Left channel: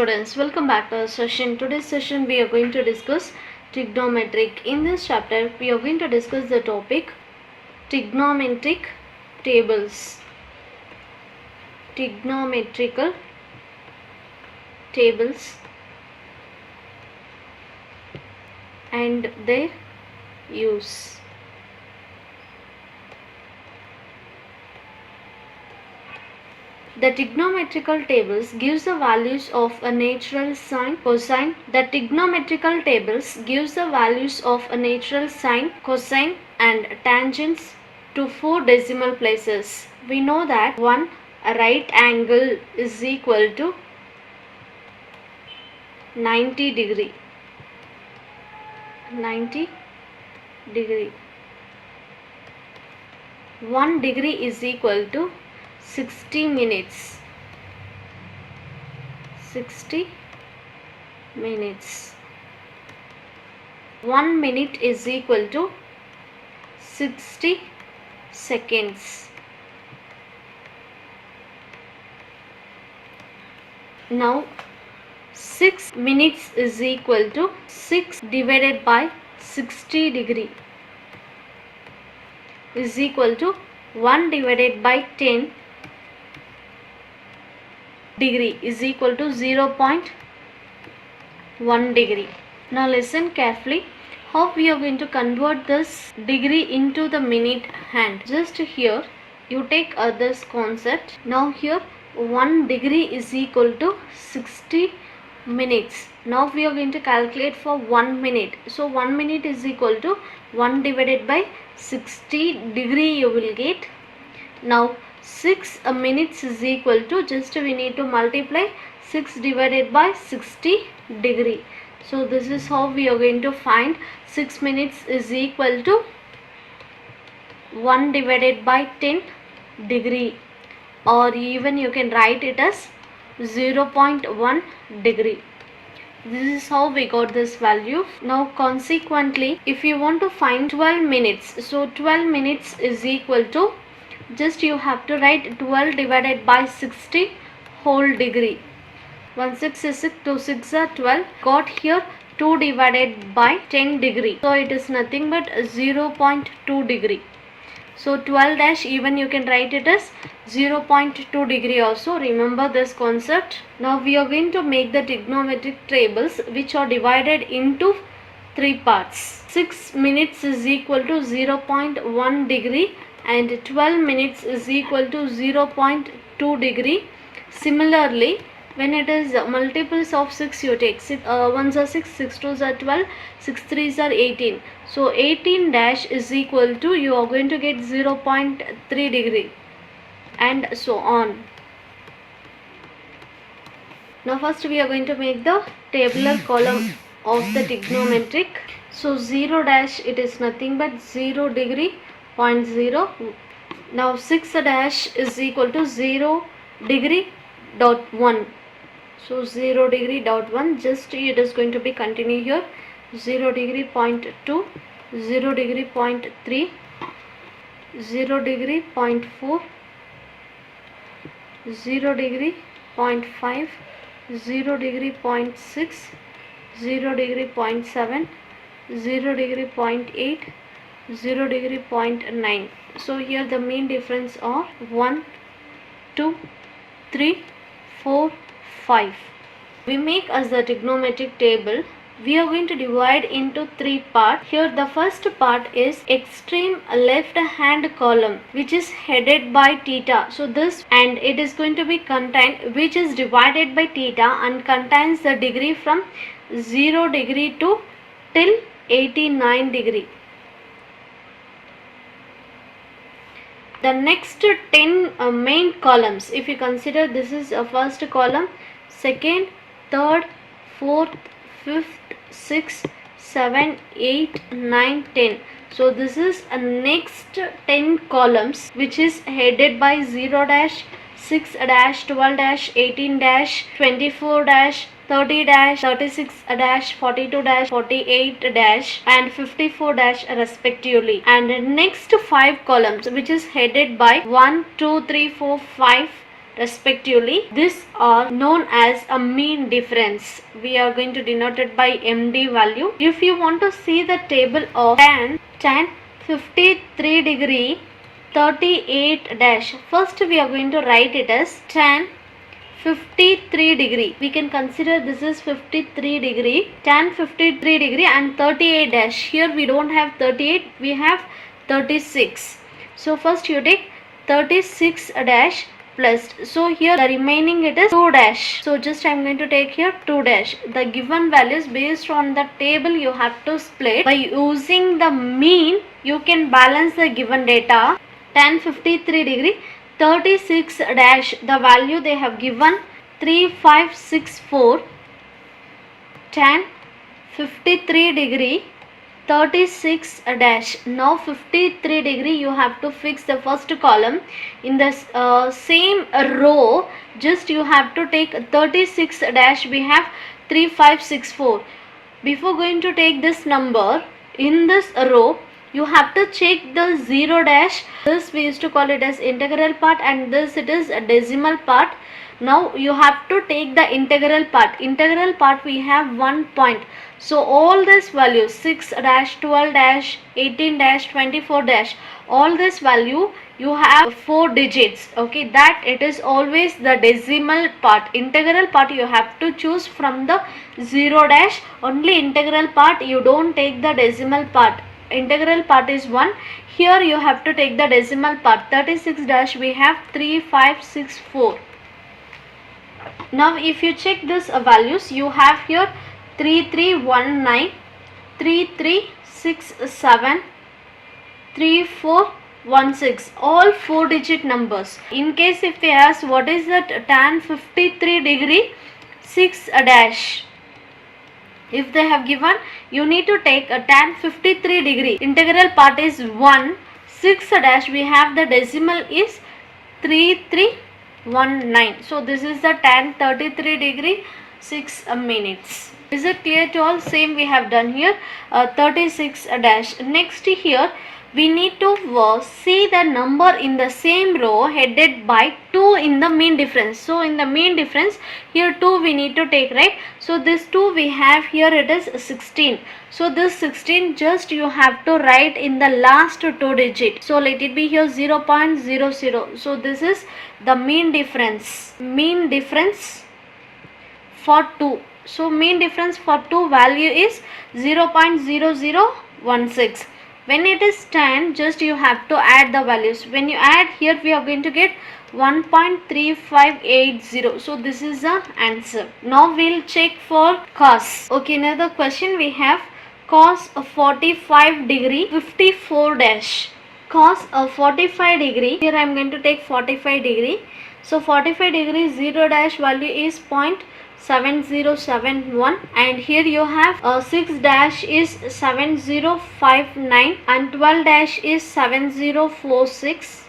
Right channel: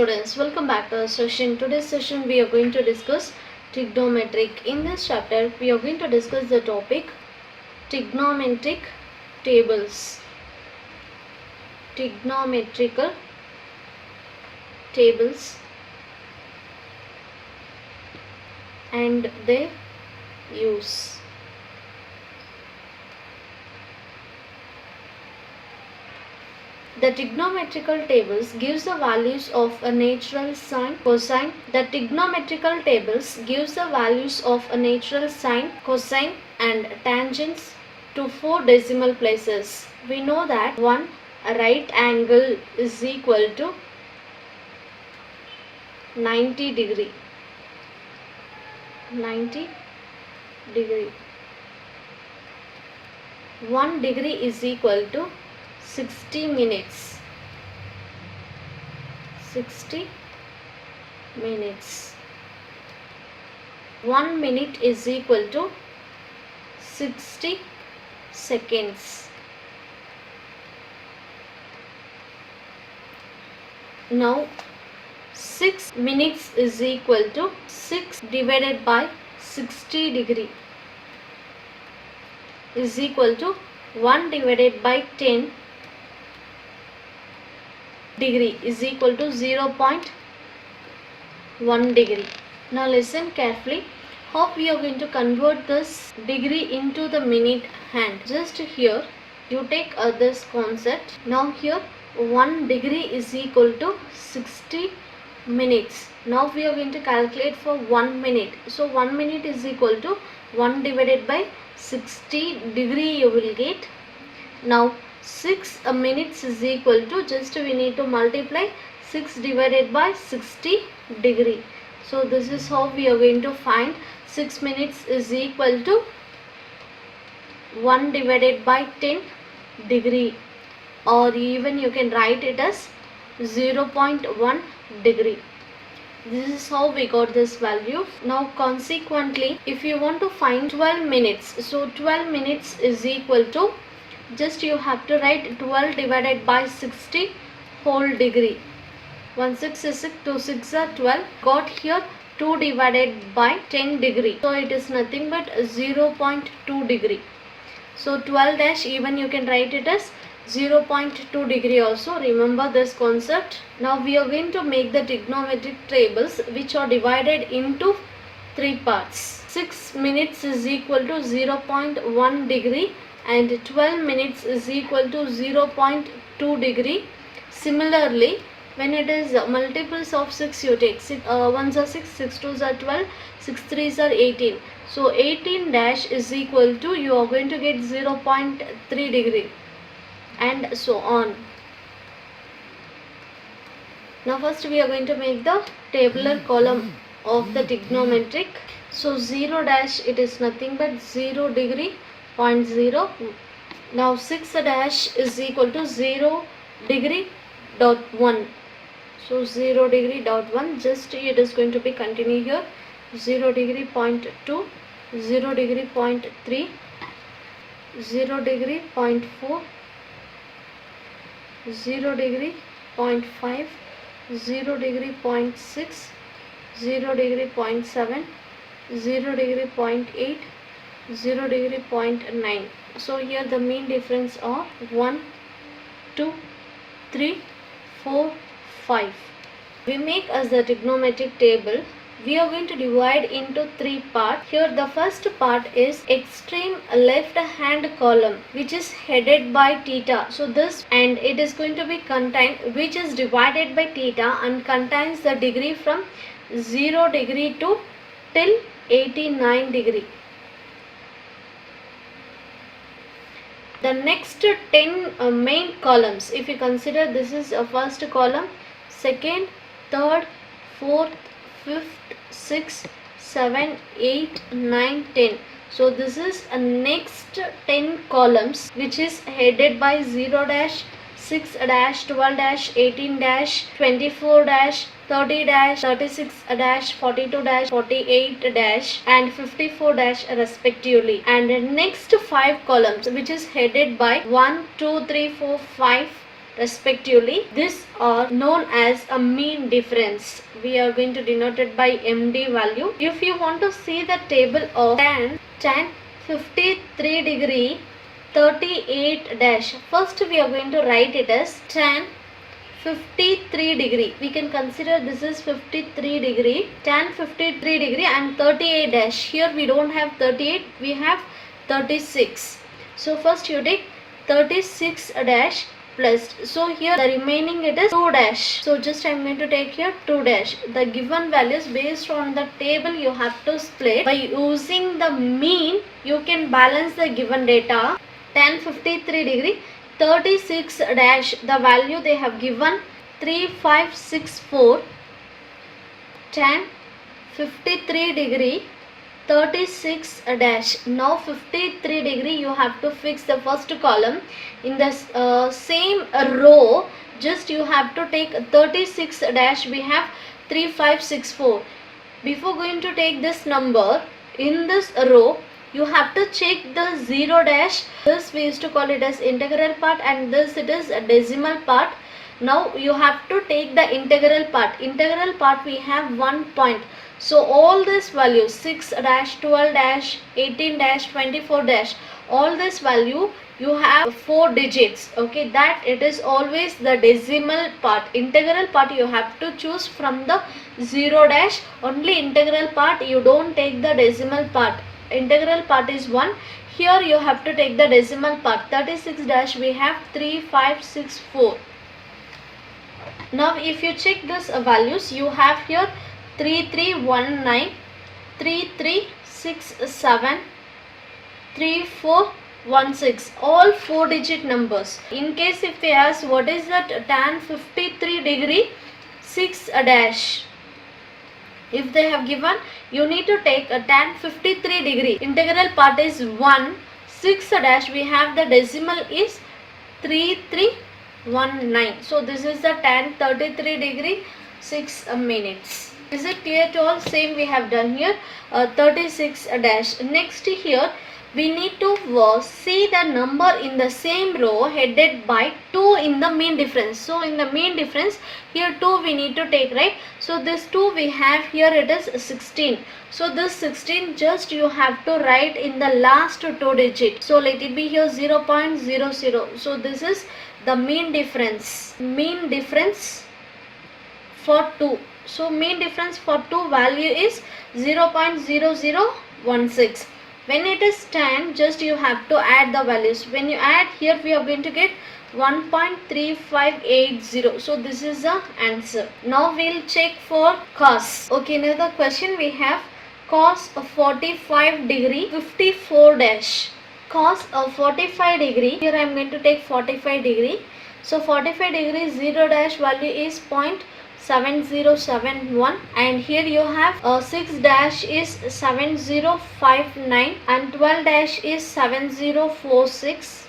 students, welcome back to our session. Today's session we are going to discuss trigonometric. In this chapter we are going to discuss the topic trigonometric tables. Trigonometrical tables and their use. The trigonometrical tables gives the values of a natural sine, cosine. The trigonometrical tables gives the values of a natural sine, cosine and tangents to 4 decimal places. We know that one right angle is equal to 90 degree. 90 degree. 1 degree is equal to 60 minutes. 60 minutes. 1 minute is equal to 60 seconds. Now 6 minutes is equal to 6 divided by 60 degree is equal to 1 divided by 10 degree is equal to 0.1 degree. Now listen carefully how we are going to convert this degree into the minute hand. Just here you take this concept. Now here 1 degree is equal to 60 minutes. Now we are going to calculate for 1 minute. So 1 minute is equal to 1 divided by 60 degree you will get. Now 6 minutes is equal to, just we need to multiply 6 divided by 60 degree. So this is how we are going to find 6 minutes is equal to 1 divided by 10 degree, or even you can write it as 0.1 degree. This is how we got this value. Now consequently if you want to find 12 minutes, so 12 minutes is equal to, just you have to write 12 divided by 60 whole degree. 1 6 is 6, 2 6 are 12. Got here 2 divided by 10 degree. So it is nothing but 0.2 degree. So 12 dash, even you can write it as 0.2 degree also. Remember this concept. Now we are going to make the trigonometric tables which are divided into 3 parts. 6 minutes is equal to 0.1 degree and 12 minutes is equal to 0.2 degree. Similarly, when it is multiples of 6 you take 1s are 6, 6 2s are 12, 6 3s are 18. So 18 dash is equal to, you are going to get 0.3 degree and so on. Now first we are going to make the tabular column of the trigonometric. So 0 dash, it is nothing but 0 degree, 0.0. Now 6 dash is equal to 0 degree dot 1. So 0 degree dot 1, just it is going to be continue here. 0 degree 0.2, 0 degree 0.3, 0 degree 0.4, 0 degree 0.5, 0 degree 0.6, 0 degree 0.7, 0 degree 0.8, 0 degree 0.9. So here the mean difference are 1, 2, 3, 4, 5. We make as the trigonometric table. We are going to divide into 3 parts. Here the first part is extreme left hand column which is headed by theta. So this, and it is going to be contained, which is divided by theta and contains the degree from 0 degree to till 89 degree. The next 10 main columns, if you consider, this is a first column, second, third, fourth, fifth, 6, 7, 8, 9, 10. So this is a next 10 columns which is headed by 0 dash, 6 dash, 12 dash, 18 dash, 24 dash, 30 dash, 36 dash, 42 dash, 48 dash and 54 dash respectively. And next 5 columns which is headed by 1, 2, 3, 4, 5 respectively. These are known as a mean difference. We are going to denote it by MD value. If you want to see the table of tan 53 degree 38 dash, first we are going to write it as tan 53 degree. We can consider this is 53 degree, tan 53 degree and 38 dash. Here we don't have 38, we have 36. So first you take 36 dash plus, so here the remaining it is 2 dash. So just I am going to take here 2 dash. The given values based on the table you have to split. By using the mean you can balance the given data. Tan 53 degree 36 dash, the value they have given 3564. Tan 53 degree 36 dash. Now 53 degree you have to fix the first column. In the same row just you have to take 36 dash, we have 3564. Before going to take this number in this row, you have to check the 0 dash. This we used to call it as integral part and this it is a decimal part. Now you have to take the integral part. Integral part we have 1 point. So all these values 6 dash, 12 dash, 18 dash, 24 dash, all this value you have 4 digits. Okay, that it is always the decimal part. Integral part you have to choose from the 0 dash. Only integral part, you don't take the decimal part. Integral part is 1. Here you have to take the decimal part. 36 dash we have 3564. Now if you check this values, you have here 3319, 3367, 3416, all 4 digit numbers. In case if they ask what is that tan 53 degree 6 dash, if they have given, you need to take a tan 53 degree. Integral part is 1, 6 dash we have the decimal is 3319. So this is the tan 33 degree 6 minutes. Is it clear to all? Same we have done here 36 dash. Next here we need to see the number in the same row headed by 2 in the mean difference. So in the mean difference here 2 we need to take, right? So this 2 we have here, it is 16. So this 16 just you have to write in the last 2 digit. So let it be here 0.00. So this is the mean difference. Mean difference for 2. So mean difference for 2 value is 0.0016. When it is 10, just you have to add the values. When you add here, we are going to get 1.3580. So this is the answer. Now we'll check for cos. Okay, another question we have cos of 45 degree 54 dash. Cos of 45 degree. Here I am going to take 45 degree. So 45 degree 0 dash value is 0.7071 and here you have 6 dash is 7059 and 12 dash is 7046.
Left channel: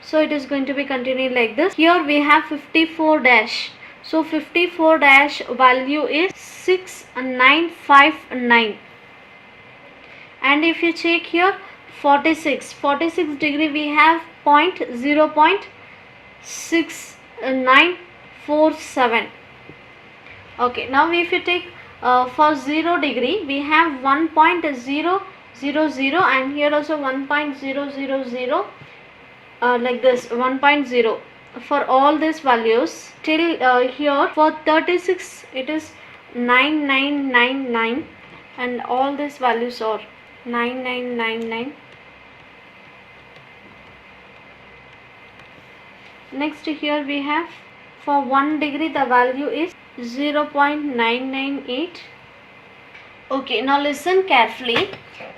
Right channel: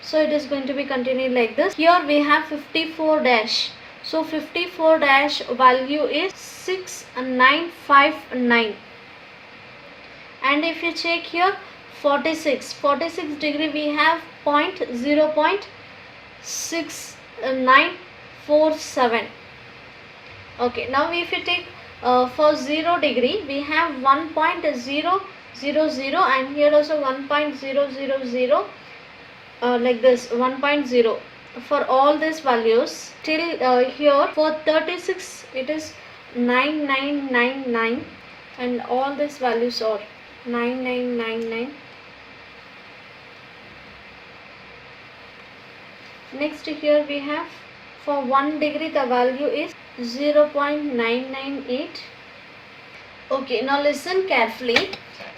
So it is going to be continued like this. Here we have 54 dash. So 54 dash value is 6959. And if you check here 46 degree we have 0.6947. Okay, now if you take for 0 degree we have 1.000 and here also 1.000 like this 1.0 for all these values till here for 36 it is 9999 and all these values are 9999. Next here we have for 1 degree the value is 0.998. Okay, now listen carefully.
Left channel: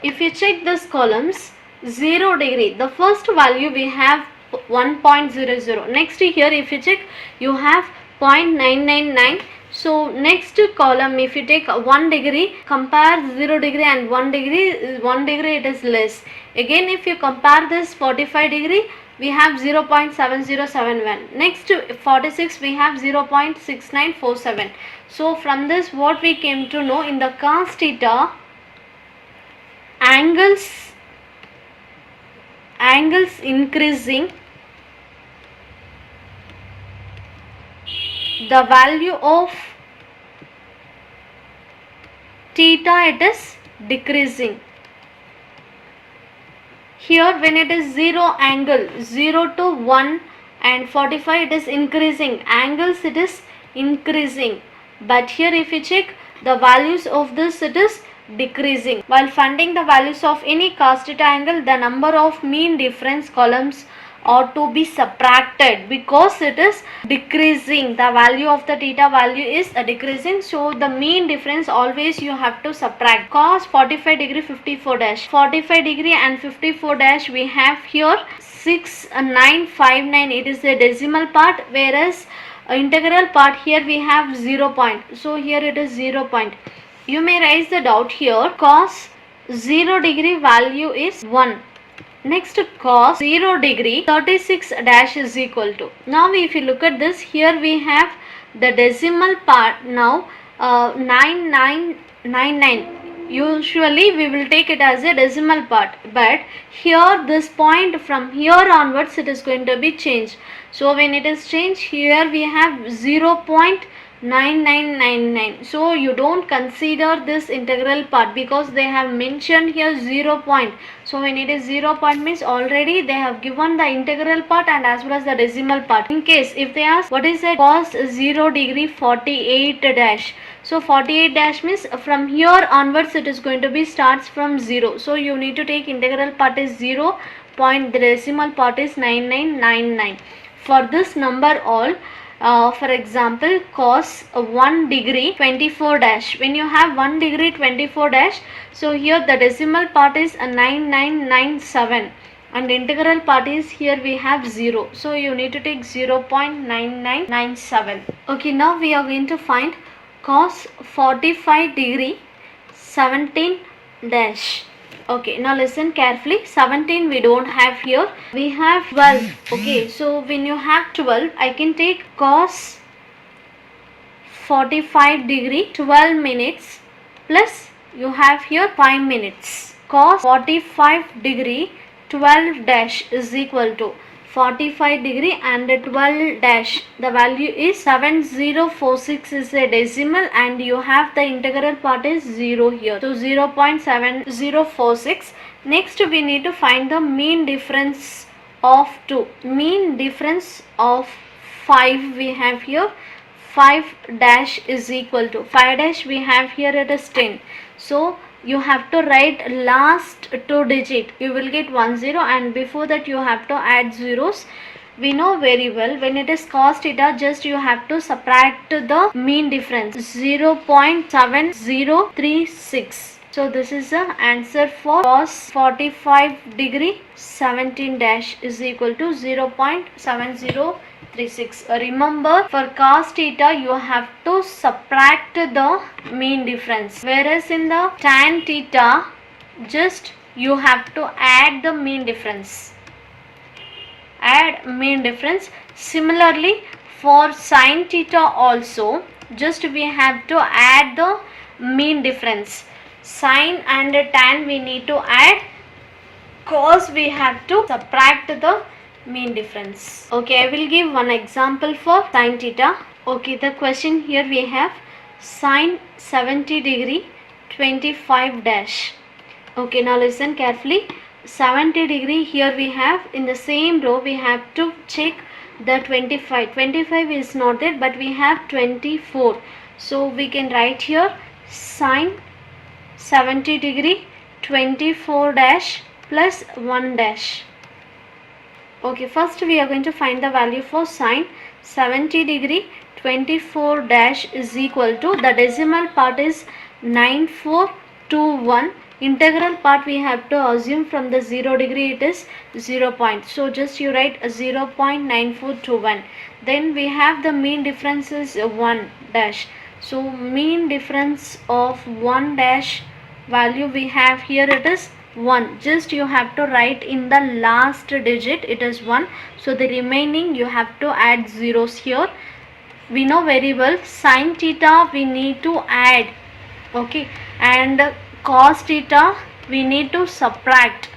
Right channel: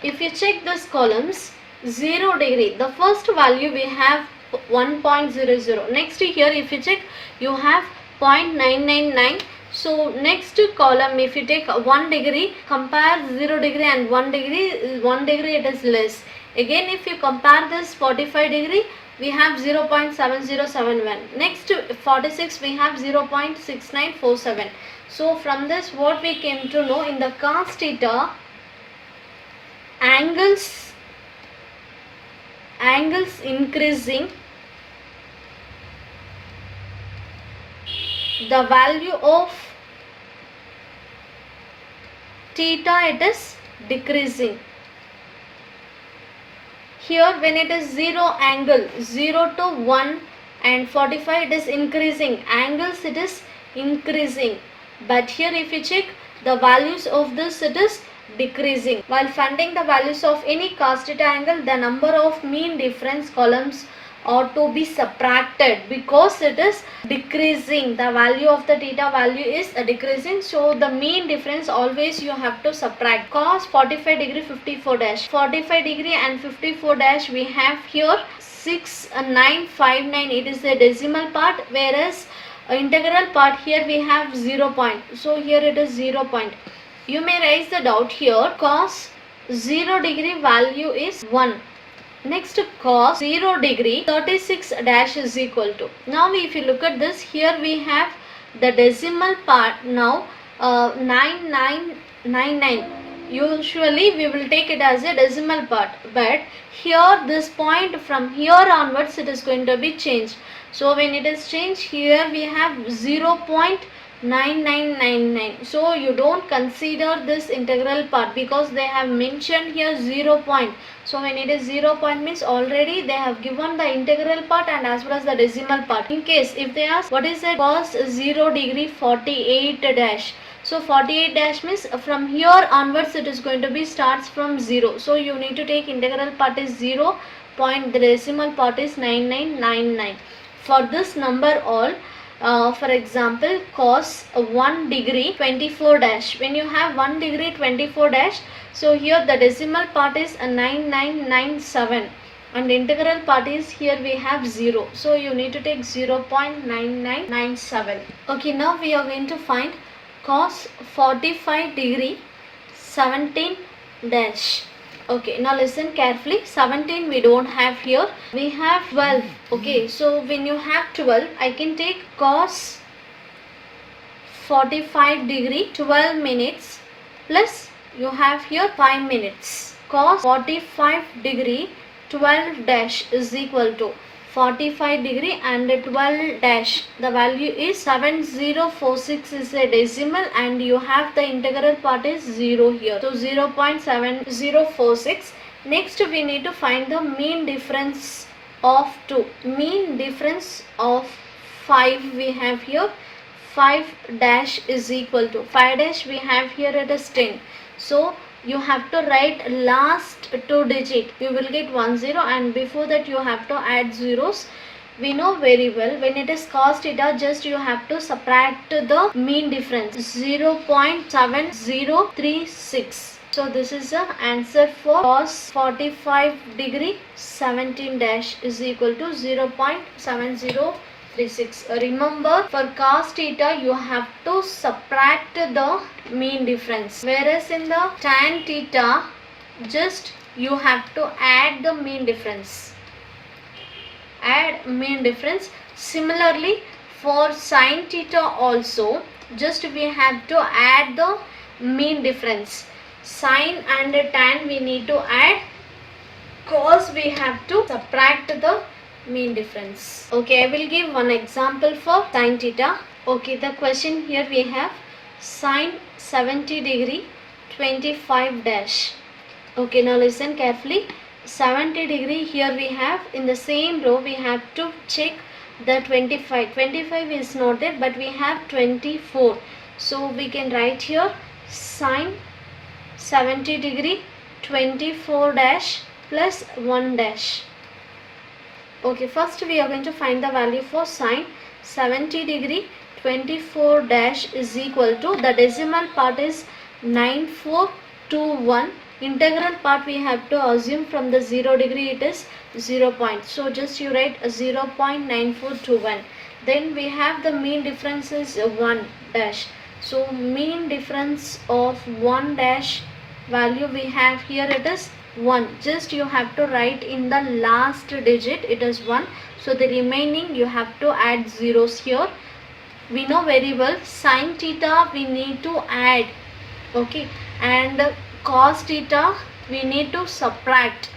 If you check these columns, 0 degree, the first value we have 1.00. Next here if you check you have 0.999. So next column if you take 1 degree, compare 0 degree and 1 degree it is less. Again if you compare this 45 degree we have 0.7071. Next to 46 we have 0.6947. So from this what we came to know, in the cos theta angles increasing the value of theta, it is decreasing. Here when it is 0 angle, 0 to 1 and 45, it is increasing. Angles, it is increasing. But here if you check the values of this, it is decreasing. While finding the values of any cos theta angle, the number of mean difference columns ought to be subtracted because it is decreasing. The value of the theta value is decreasing, so the mean difference always you have to subtract. Cos 45 degree 54 dash, 45 degree and 54 dash we have here 6959, it is the decimal part, whereas integral part here we have 0 point, so here it is 0 point. You may raise the doubt here, cos 0 degree value is 1. Next, cos 0 degree 36 dash is equal to. Now if you look at this, here we have the decimal part now 9999. Usually we will take it as a decimal part, but here this point from here onwards it is going to be changed. So when it is changed, here we have 0.9999. So you don't consider this integral part because they have mentioned here 0 point. So when it is 0 point means already they have given the integral part and as well as the decimal part. In case if they ask what is the cos 0 degree 48 dash, so 48 dash means from here onwards it is going to be starts from 0. So you need to take integral part is 0 point, the decimal part is 9999. For this number all, for example cos 1 degree 24 dash, when you have 1 degree 24 dash, so here the decimal part is 9997 and integral part is here we have 0, so you need to take 0.9997. Okay, now we are going to find cos 45 degree 17 dash. Okay, now listen carefully. 17 we don't have here, we have 12. Okay, so when you have 12, I can take cos 45 degree 12 minutes plus you have here 5 minutes. Cos 45 degree 12 dash is equal to 45 degree and 12 dash, the value is 7046 is a decimal and you have the integral part is 0 here, so 0.7046. Next we need to find the mean difference of 2. Mean difference of 5 we have here, 5 dash is equal to 5 dash we have here, it is 10. So you have to write last 2 digit, you will get 10 and before that you have to add zeros. We know very well when it is cos theta, just you have to subtract the mean difference 0.7036. So this is the answer for cos 45 degree 17 dash is equal to 0.7036. Remember, for cos theta you have to subtract the mean difference, whereas in the tan theta just you have to add the mean difference. Add mean difference. Similarly for sin theta also just we have to add the mean difference. Sin and tan we need to add, cos we have to subtract the mean difference. Okay, I will give one example for sin theta. Okay, the question here we have sin 70 degree 25 dash. Okay, now listen carefully. 70 degree here we have, in the same row we have to check the 25. 25 is not there but we have 24. So we can write here sin 70 degree 24 dash plus 1 dash. Okay, first we are going to find the value for sin 70 degree 24 dash is equal to, the decimal part is 9421. Integral part we have to assume from the 0 degree it is 0 point. So just you write 0.9421. Then we have the mean difference is 1 dash. So mean difference of 1 dash value we have here, it is 1. Just you have to write in the last digit it is 1. So the remaining you have to add zeros here. We know very well sin theta we need to add, okay, and cos theta we need to subtract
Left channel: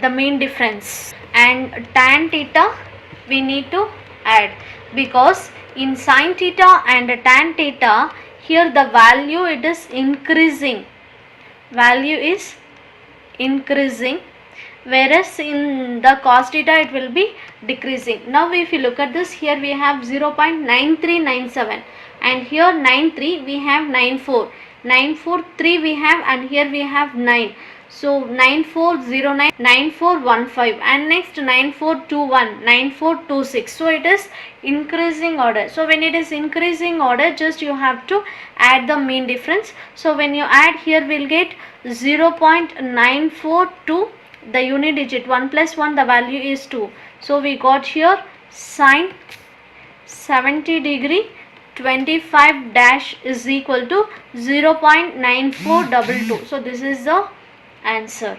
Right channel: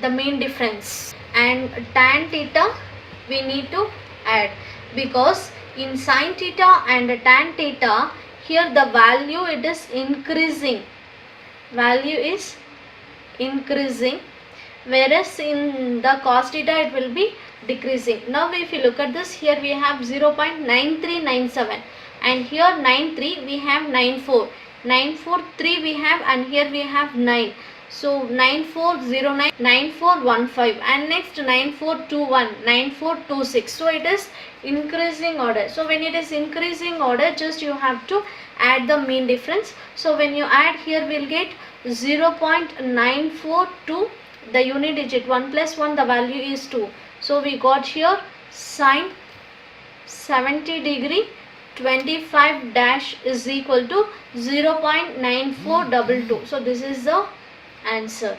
the mean difference, and tan theta we need to add, because in sin theta and tan theta, here the value it is increasing, value is increasing, whereas in the cos theta it will be decreasing. Now if you look at this, here we have 0.9397 and here 93 we have 94, 943 we have, and here we have 9. So 9409, 9415, and next 9421, 9426. So it is increasing order. So when it is increasing order, just you have to add the mean difference. So when you add here, we'll get 0.942, the unit digit 1 plus 1, the value is 2. So we got here sine 70 degree 25 dash is equal to 0.9422. So this is the answer.